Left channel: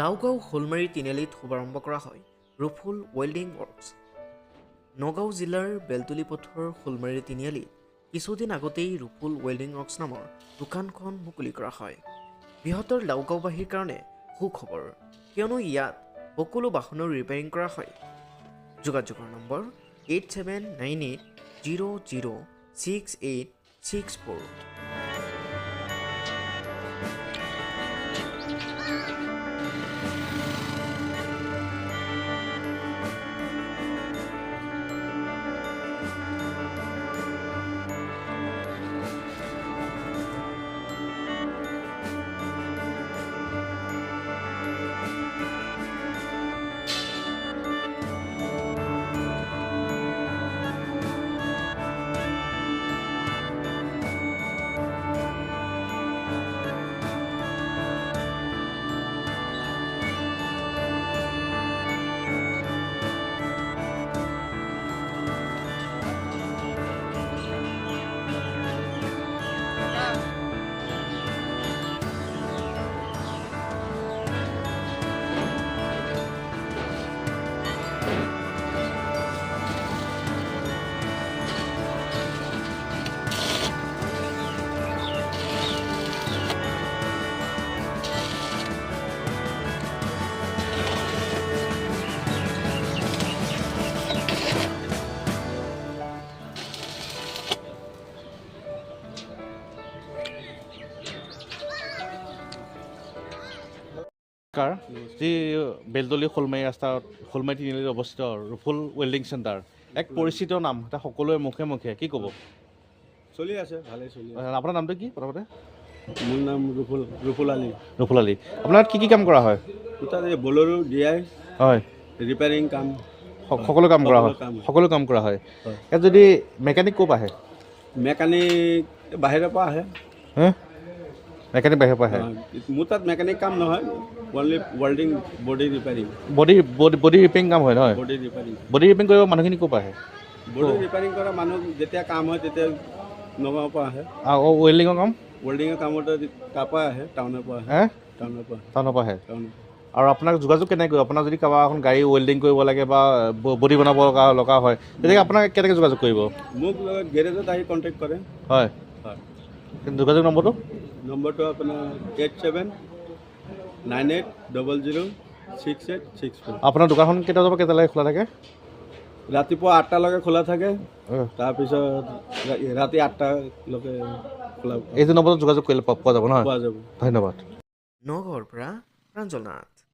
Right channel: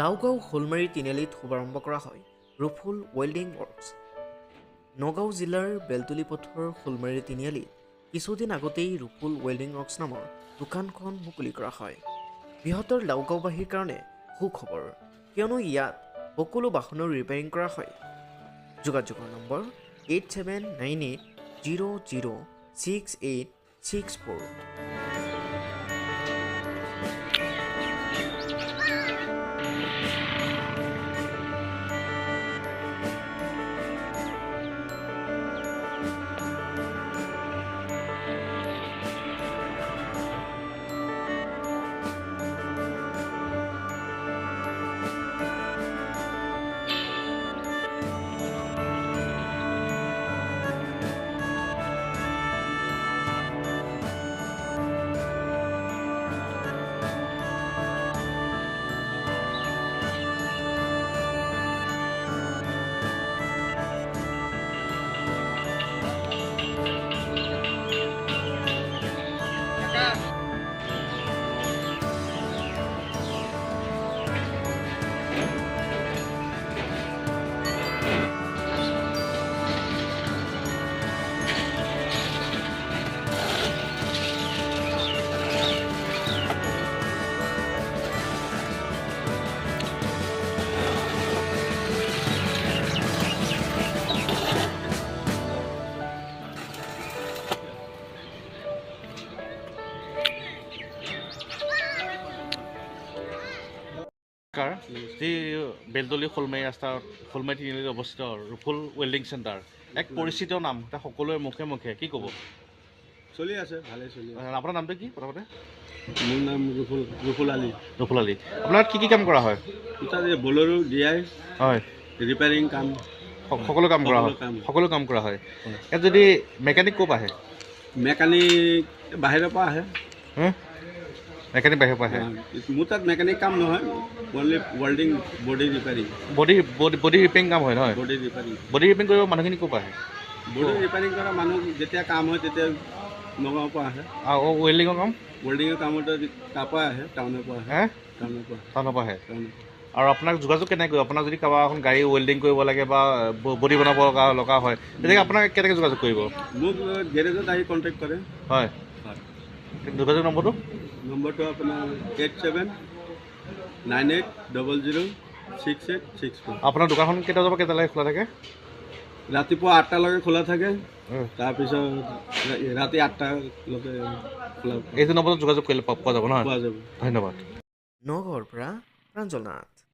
লাওগাঁও শোলমাৰী তিনিআলিত শুভাৰম্ভ কৰা হয় ৰুফুল ৱেল্ডিং ৱৰ্কছ। নগাঁও জিলাৰ বেলতলী পথৰ শোলমাৰী তিনিআলিত কিছুদিন আগতেই ৰুফুল ৱেল্ডিং ৱৰ্কছ নামৰ দোকানখন মুকলি কৰা হয়। বৃহত্তৰ লাওগাঁওবাসীৰ কাৰণে সুখবৰ, কিয়নো ইয়াত সকলো বাহনৰ ৰিপেয়াৰিং কৰা হয়। যোগাযোগৰ নম্বৰ 8798006864। যি বেলতলী শোলমাৰী ৰাস্তাত শোলমাৰী তিনিআলিত অৱস্থিত ৰুফুল ৱেল্ডিং চেণ্টাৰ, এক পৰিচিত নাম, এটা সকলোৰে মুখে মুখে, কি ক'ব? চলি আছে, ভালে চলি আছে। আপোনাৰ নামটো কি প্ৰথমতে? মোৰ নাম ৰুফুল আলী। ৰুফুল আলী। আপোনাৰ কি কাম কৰা হয়? তাত বলেৰো DI হয়, ৰিপেয়াৰিং কাম, সকলো কাম কৰা হয়। সকলো কাম কৰা হয়। ইয়াত যদি মেকানিক ক'ৰ পৰা আহে? মেকানিক বাহিৰৰ পৰা আহে। মেকানিক বাহিৰৰ পৰা আহে। মোৰ তাত মেকানিক কাম নহয়, only welding, body repairing. Body repairing কাম হয় নহয়? Body repairing. বডি ৰিপেয়াৰিং কৰিব মানুহখিনি ক'ৰ পৰা আহে? বডি ৰিপেয়াৰিং কৰা মানুহ যেতিয়া কাম হয় তেতিয়া নগাঁৱৰ পৰা আহে। ৱেল্ডিঙৰ কাম? ৱেল্ডিঙৰ কামত তাৰ পৰা আহে, টাউনৰ পৰা আহে। টাউনৰ পৰা আহে। আৰু আপোনাক যোগাযোগ কেনেকৈ কৰিব? আপোনাক যদি কাৰোবাৰ এখন গাড়ী ৱেল্ডিং কৰিব লাগে বা বডি বনাব লগা হয়, তেতিয়া আপোনাক কেনেকৈ যোগাযোগ কৰিব? মোক গেৰেজত আহি কণ্টেক্ট কৰে। হয়, যোগাযোগ নম্বৰটো আপোনাৰ 8798006864। আপোনাৰ দোকানখন কেইটা বজাৰ পৰা কেইটালৈকে খোলা থাকে? ৰাতিপুৱা 8টালৈকে খোলা থাকে, তাৰপিছত ৰাতি 8টালৈকে খোলা। এইটো নম্বৰত যোগাযোগ কৰিলে পোৱা যাব নহয়? পোৱা যাব। ধন্যবাদ। নগাঁৱৰ পৰা প্ৰাঞ্জল নাথ।